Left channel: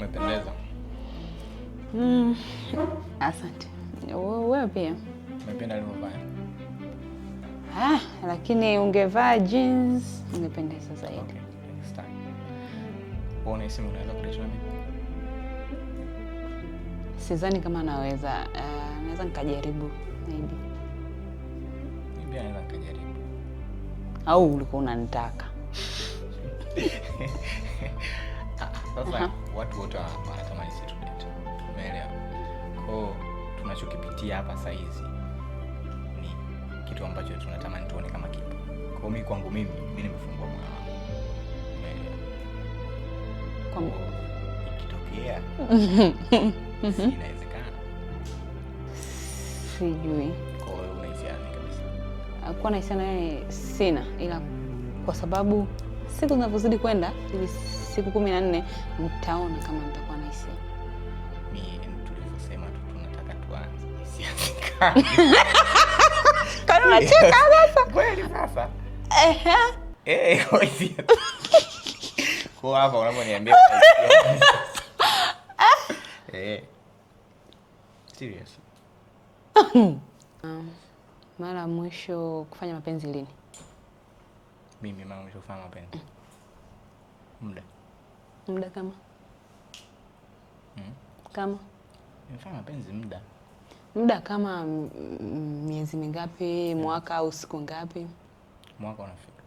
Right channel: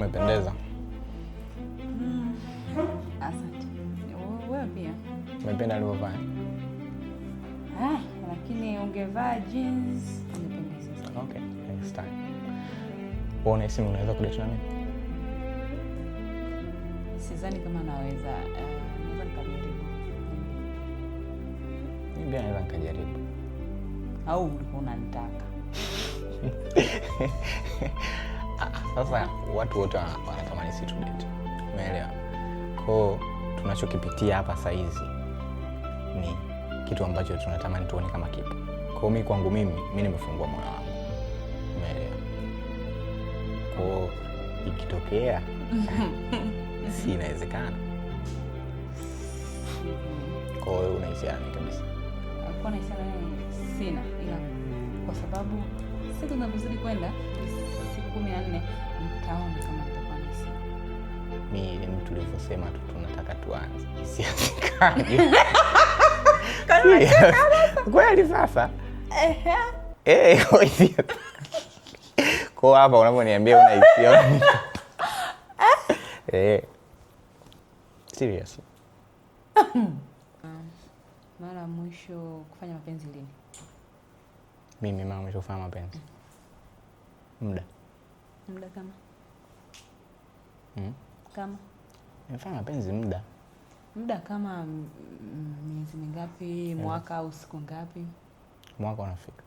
Umependeza. Asante. Wewe pia. Umependa nilivyovaa. Lakini ungevaa jeans ungependeza zaidi. Okay. Start. Unahisi unaweza kudate na mimi? Sidhani kama naweza nikajaribu. Mimi naweza nikajaribu. Au ulikuwa unanitaka? Sasa watu wote wanatamani si tudate. Umeelewa? Kwa tunachokipitia hapa saa hizi ni kitu ambacho tunatamani tuone kama kipo. Kwa mimi kwangu mimi nimefungua moyo wangu. Umeelewa? Kwa ikitokea si inawezekana. Sijui. Kwa hiyo unahisiana kabisa? Kwa nahisiana naye sina, ila kwa sababu siku zinazozidi kwenda, siku 14 nitaona kama nitakuwa na hisia. Mimi ni mtu nilivyosema tu tunataka tuanze. Siasikani. Kana unacheka sasa. Kweli sasa? Kwa hapa unaponiambia una hisia. Serious. Mara mwisho kufanya mapenzi lini? Mimi mara mwisho kufanya mapenzi. Muda kama? Kama? Nimefanya mapenzi muda kama miezi mingapi, mwaka au siku ngapi? Mwaka unafika.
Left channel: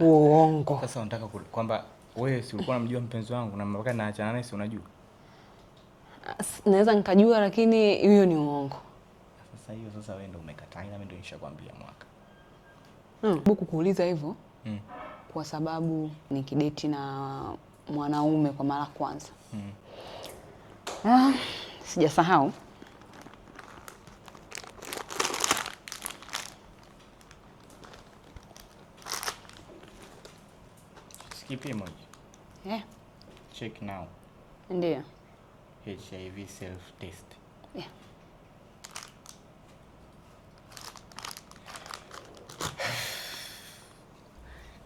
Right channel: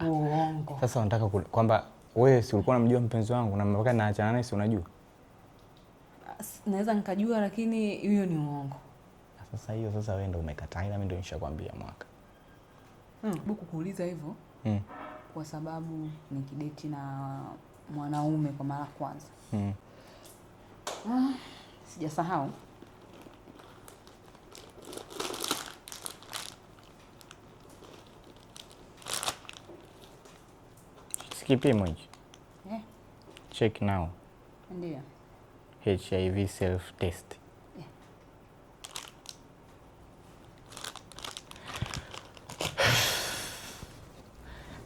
Uongo. Sasa unataka kwamba wewe si ulikuwa unamjua mpenzi wangu na mpaka naachana naye si unajua? Naweza nikajua lakini hiyo ni uongo. Sasa wewe ndio umekataa, mimi ndio nishakwambia mwaka. Buku kuuliza hivyo. Kwa sababu nikidate na mwanaume kwa mara kwanza. Sijasahau. Sikipimo hicho. Check now. Ndio. HIV self test.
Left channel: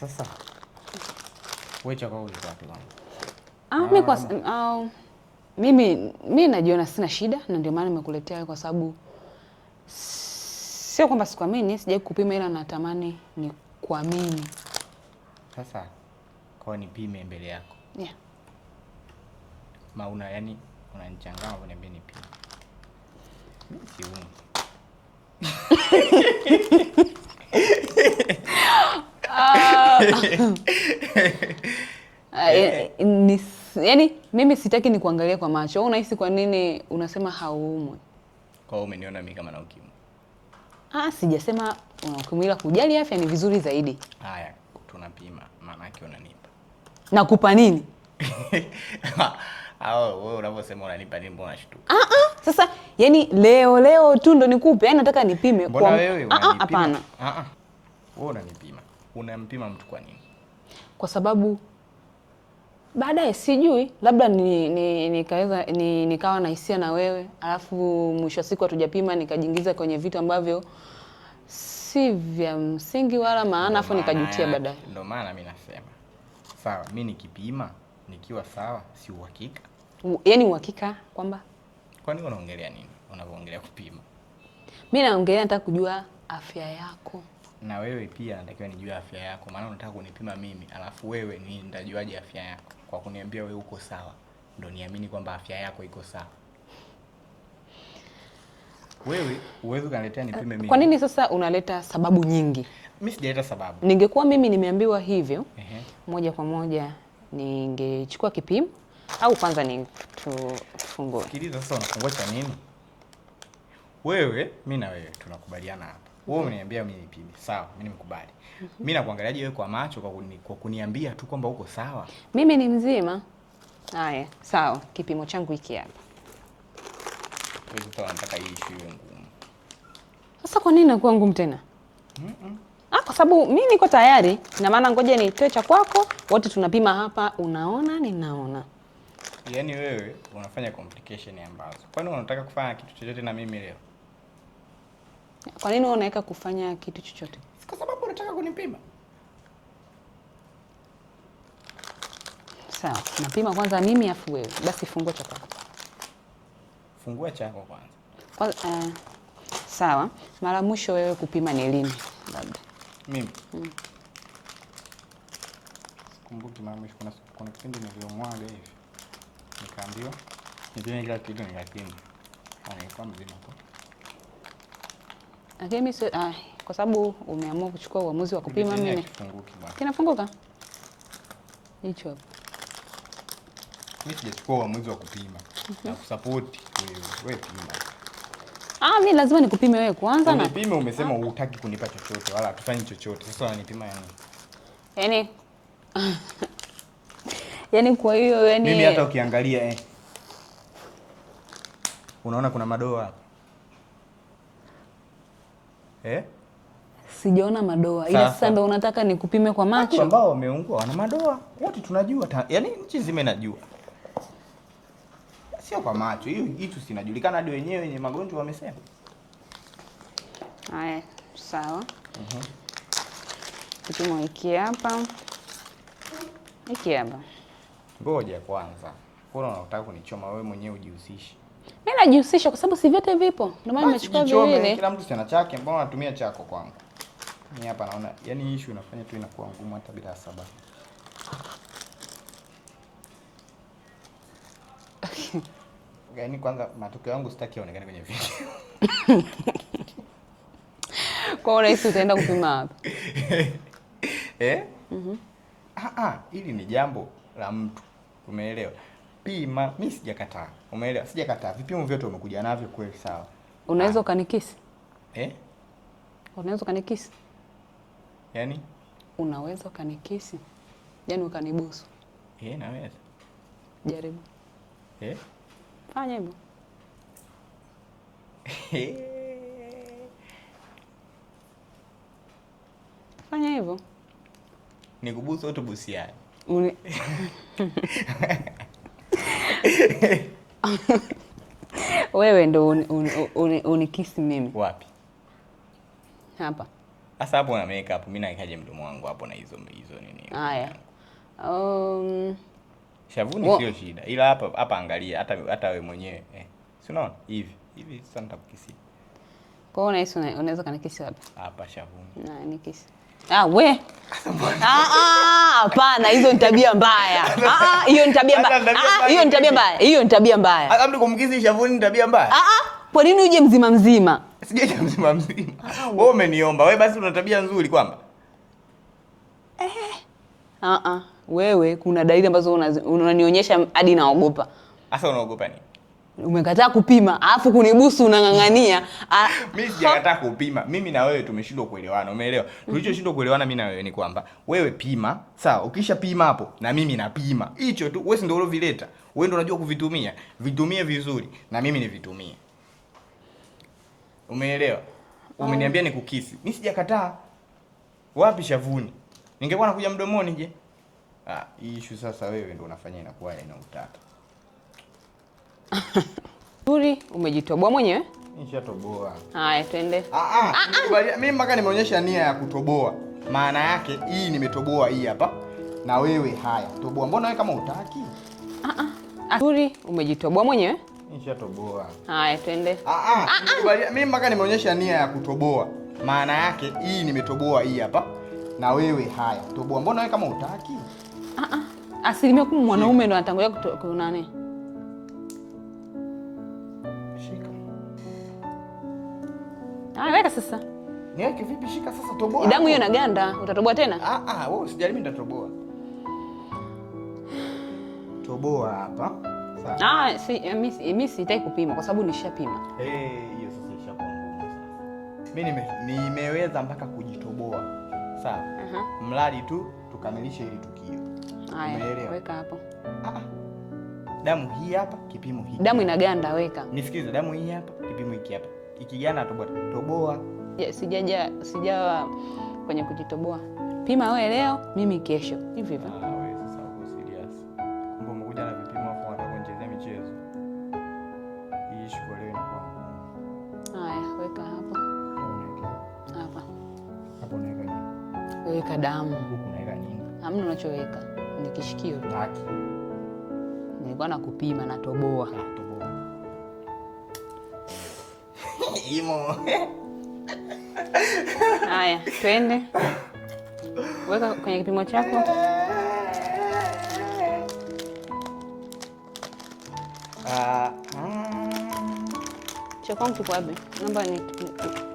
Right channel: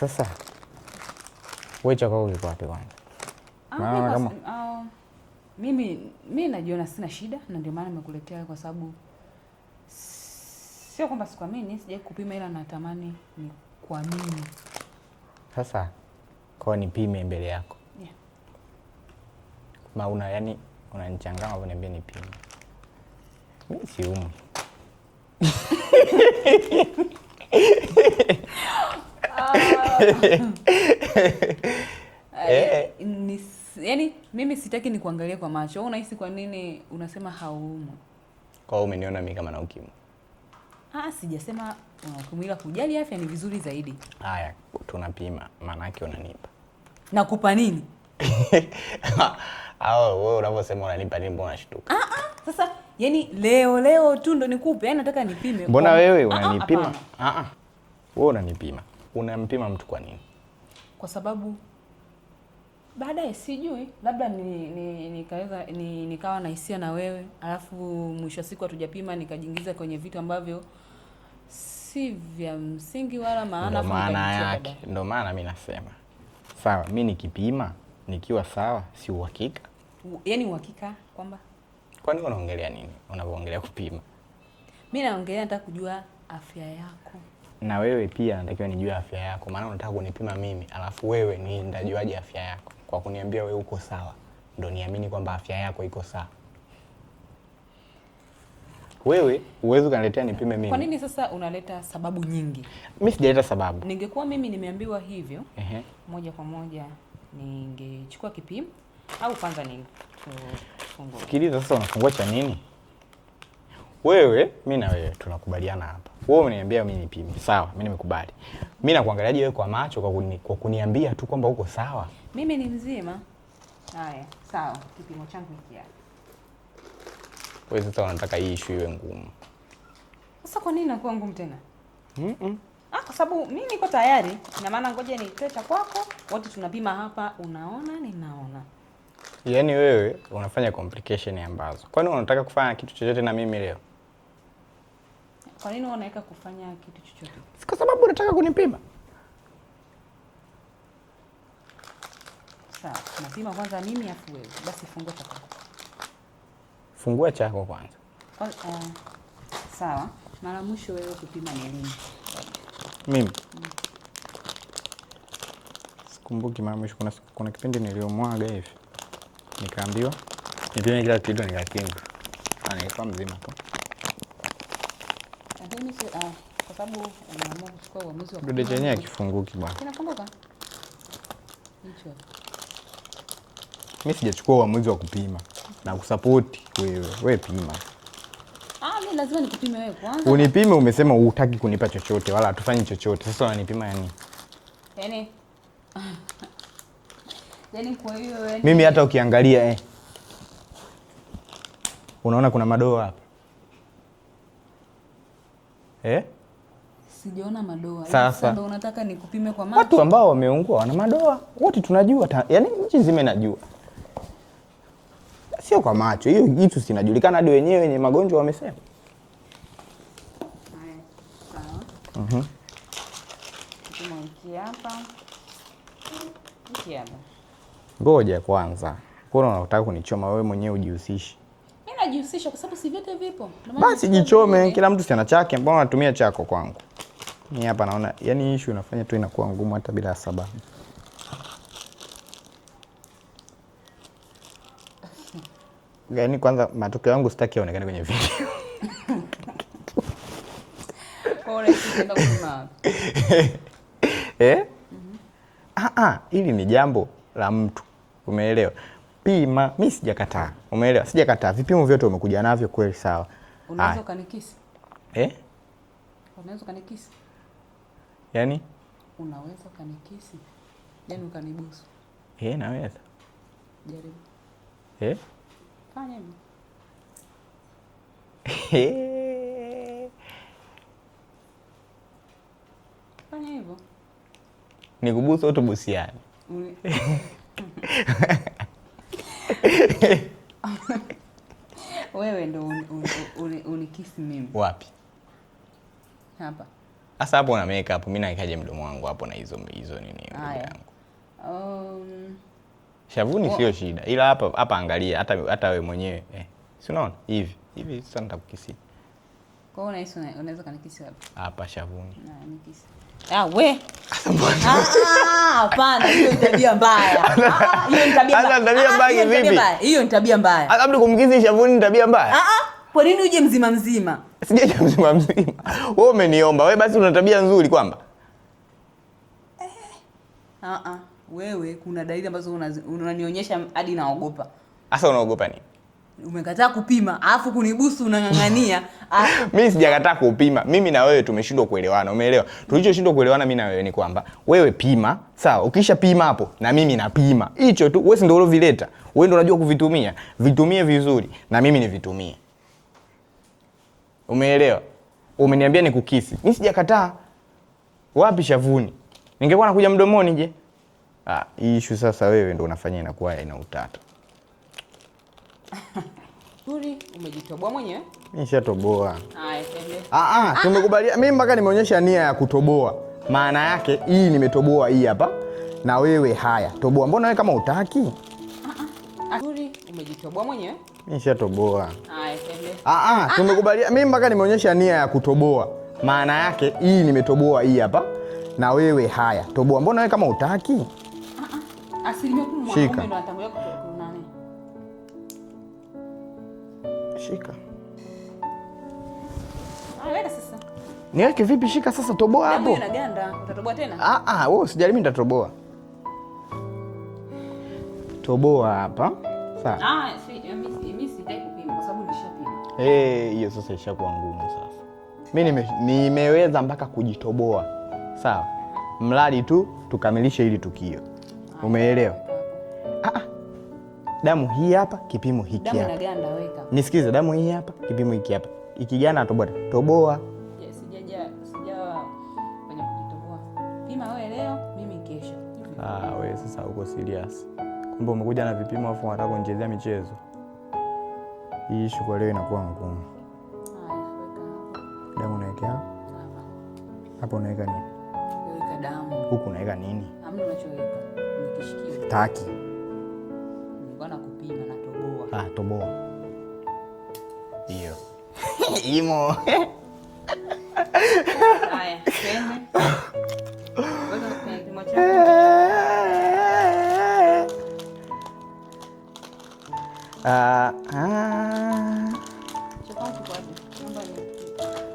Sasa wewe chako uko wapi kwanza? Mimi najiona sina shida na ndio maana nimekuletea kwa sababu sio kwamba sikuamini, sijai kupima ila natamani ni kuamini. Sasa kwa nipime mbele yako. Yani unanichanganya unaniambia nipime. Mimi siumu. Yani mimi sitaki ni kuangalia kwa macho. Wewe unahisi kwa nini unasema hauumwi? Kwa hiyo umeniona mimi kama na ukimwi. Sijasema ukimwi, ila kujali afya ni vizuri zaidi. Haya, tunapima. Maana yake unanipa. Nakupa nini? Wewe unaposema unanipa nini mbona unashtuka? Sasa yani leo tu ndo nikupe. Yani nataka nipime. Mbona wewe unanipima? Hapana. Wewe unanipima. Unampima mtu kwa nini? Kwa sababu baadaye sijui, labda nikawa na hisia na wewe, alafu mwisho wa siku hatujapima nikajiingiza kwenye vitu ambavyo si vya msingi wala maana, afu nikajutia baadaye. Ndio maana mimi nasema. Sawa, mimi nikipima nikiwa sawa, si uhakika. Yaani uhakika kwamba? Kwa nini unaongelea nini? Unapoongelea kupima. Mimi naongelea nataka kujua afya yako. Na wewe pia natakiwa nijue afya yako. Maana unataka kunipima mimi, alafu wewe nitajuaje afya yako? Kwa kuniambia wewe uko sawa, ndio niamini kwamba afya yako iko sawa. Wewe uwezo kaniletea nipime mimi. Kwa nini sasa unaleta sababu nyingi? Mimi sijaleta sababu. Ningekuwa mimi nimeambiwa hivyo, moja kwa moja ningechukua kipimo au kwanza tufungue. Sikiliza sasa, unafungua cha nini? Wewe, mimi na wewe tunakubaliana hapa. Wewe unaniambia mimi nipime. Sawa, mimi nimekubali. Mimi nakuangaliaje wewe kwa macho kwa kuniambia tu kwamba uko sawa? Mimi ni mzima. Haya, sawa. Kipimo changu hiki hapa. Wewe sasa unataka hii issue iwe ngumu. Sasa kwa nini inakuwa ngumu tena? Kwa sababu mimi niko tayari. Na maana ngoja nitoe cha kwako, wote tunapima hapa, unaona ninaona. Yaani wewe unafanya complication ambazo. Kwani unataka kufanya kitu chochote na mimi leo? Kwa nini unaweka kufanya kitu chochote? Kwa sababu unataka kunipima. Sawa, napima kwanza mimi afu wewe. Basi fungua cha kwako. Fungua chako kwanza. Sawa. Mara mwisho wewe kupima ni lini? Mimi? Sikumbuki mara mwisho, kuna kipindi niliomwaga hivi. Nikaambiwa nipime kila kitu nikakimbi. Anaikuwa mzima tu. Lakini kwa sababu umeamua kuchukua uamuzi wa kupima mimi. Ndio kifunguki bwana. Kinafunguka? Hicho hapo. Mimi sijachukua uamuzi wa kupima. Na kusupport wewe. Wewe pima. Mimi lazima nikupime wewe kwanza. Unipime, umesema hutaki kunipa chochote wala hatufanyi chochote. Sasa unanipima yani? Yaani kwa hiyo yani mimi hata ukiangalia unaona kuna madoa hapa. Sijaona madoa. Ila sasa ndio unataka nikupime kwa macho. Watu ambao wameungua wana madoa. Wote tunajua. Yaani nchi nzima inajua. Sio kwa macho. Hiyo kitu sinajulikana hadi wenyewe wenye magonjwa wamesema. Haya, sawa. Kipimo hiki hapa. Hiki hapa. Ngoja kwanza. Mbona unataka kunichoma wewe mwenyewe ujihusishe? Mimi najihusisha kwa sababu si vyote vipo. Ndio maana jichome, kila mtu ana chake, mbona unatumia chako kwangu? Mimi hapa naona yani issue inafanya tu inakuwa ngumu hata bila sababu. Yaani kwanza matokeo yangu sitaki yaonekane kwenye video. Kwa urahisi utaenda kupima wapi? Hili ni jambo la mtu. Umeelewa? Pima, mimi sijakataa. Umeelewa? Sijakataa. Vipimo vyote umekuja navyo kweli sawa. Unaweza ukanikisi? Unaweza ukanikisi? Yaani? Unaweza ukanikisi? Yaani ukanibusu? Naweza. Jaribu. Fanya hivyo. Fanya hivyo. Nikubusu au tubusiane? Wewe ndo unikisi mimi. Wapi? Hapa. Sasa hapo na makeup mimi naikaje mdomo wangu hapo na hizo nini? Haya. Shavuni sio shida. Ila hapa angalia hata wewe mwenyewe. Si unaona? Hivi sasa nitakukisi. Kwa hiyo unahisi unaweza kanikisi wapi? Hapa shavuni. Na nikisi. We. Hapana, hiyo ni tabia mbaya. Hiyo ni tabia mbaya. Hiyo ni tabia mbaya. Hiyo ni tabia mbaya. Labda kumkisi shavuni ni tabia mbaya. Kwa nini uje mzima mzima? Sijaje mzima mzima. Wewe umeniomba. Wewe basi una tabia nzuri kwamba. Wewe kuna dalili ambazo unanionyesha hadi naogopa. Sasa unaogopa nini? Umekataa kupima, alafu kunibusu unang'ang'ania. Mimi sijakataa kupima. Mimi na wewe tumeshindwa kuelewana. Umeelewa? Tulichoshindwa kuelewana mimi na wewe ni kwamba wewe pima, sawa? Ukisha pima hapo na mimi napima. Hicho tu. Wewe ndio ulovileta. Wewe ndio unajua kuvitumia. Vitumie vizuri na mimi nivitumie. Umeelewa? Umeniambia nikukisi. Mimi sijakataa. Wapi shavuni? Ningekuwa nakuja mdomoni je? Issue sasa wewe ndio unafanya inakuwa ina utata. Nzuri, umejitoboa mwenyewe? Nishatoboa. Haya, twende. Tumekubaliana. Mimi mpaka nimeonyesha nia ya kutoboa. Maana yake hii nimetoboa hii hapa. Na wewe haya, toboa. Mbona wewe kama hutaki? Nzuri, umejitoboa mwenyewe? Nishatoboa. Haya, twende. Tumekubaliana. Mimi mpaka nimeonyesha nia ya kutoboa. Maana yake hii nimetoboa hii hapa. Na wewe haya, toboa. Mbona wewe kama hutaki? 10% mwanaume ndo anatangulia kunane. Shika. Weka sasa. Niweke vipi? Shika sasa, toboa. Damu hiyo inaganda, utatoboa tena? Wewe usijali, mimi nitatoboa. Toboa hapa. Sawa. Mimi sitaki kupima kwa sababu nishapima. Hiyo sasa ishakuwa ngumu sasa. Mimi nimeweza mpaka kujitoboa. Sawa. Mradi tu tukamilishe hili tukio. Umeelewa? Weka hapo. Damu hii hapa, kipimo hiki. Damu inaganda, weka. Nisikize, damu hii hapa, kipimo hiki hapa. Ikiganda toboa. Sijawa kwenye kujitoboa. Pima wewe leo, mimi kesho. Hivi. Wewe sasa uko serious. Kumbe umekuja na vipimo afu unataka kunichezea michezo. Hii issue kwa leo inakuwa ngumu. Haya, weka hapa. Damu unaweka hapa. Hapo unaweka nini? Weka damu. Huku unaweka nini? Hamna unachoweka. Ni kishikio. Taki. nilikuwa nakupima na toboa. Toboa. Hiyo. Imo. Haya, twende. Weka kwenye kipimo chako. Cha kwangu kiko wapi? Namba ni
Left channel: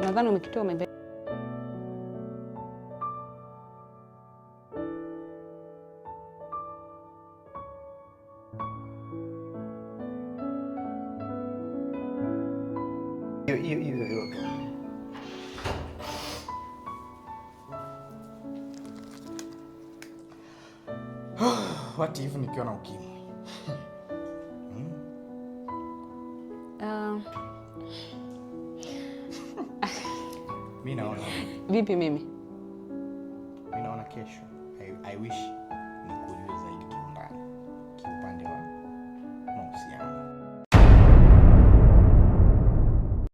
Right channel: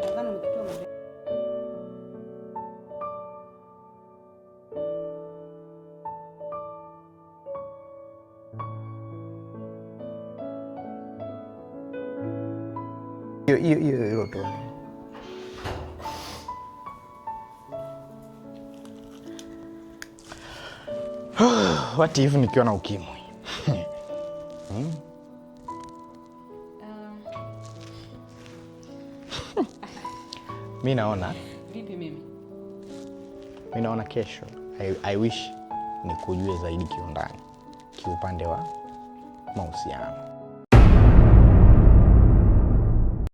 nadhani umekitoa mbele. Hiyo tu. What if nikiwa na ukimwi? Mi naona vipi mimi? Mi naona kesho I wish nikujue zaidi kiundani kiupande wa mahusiano.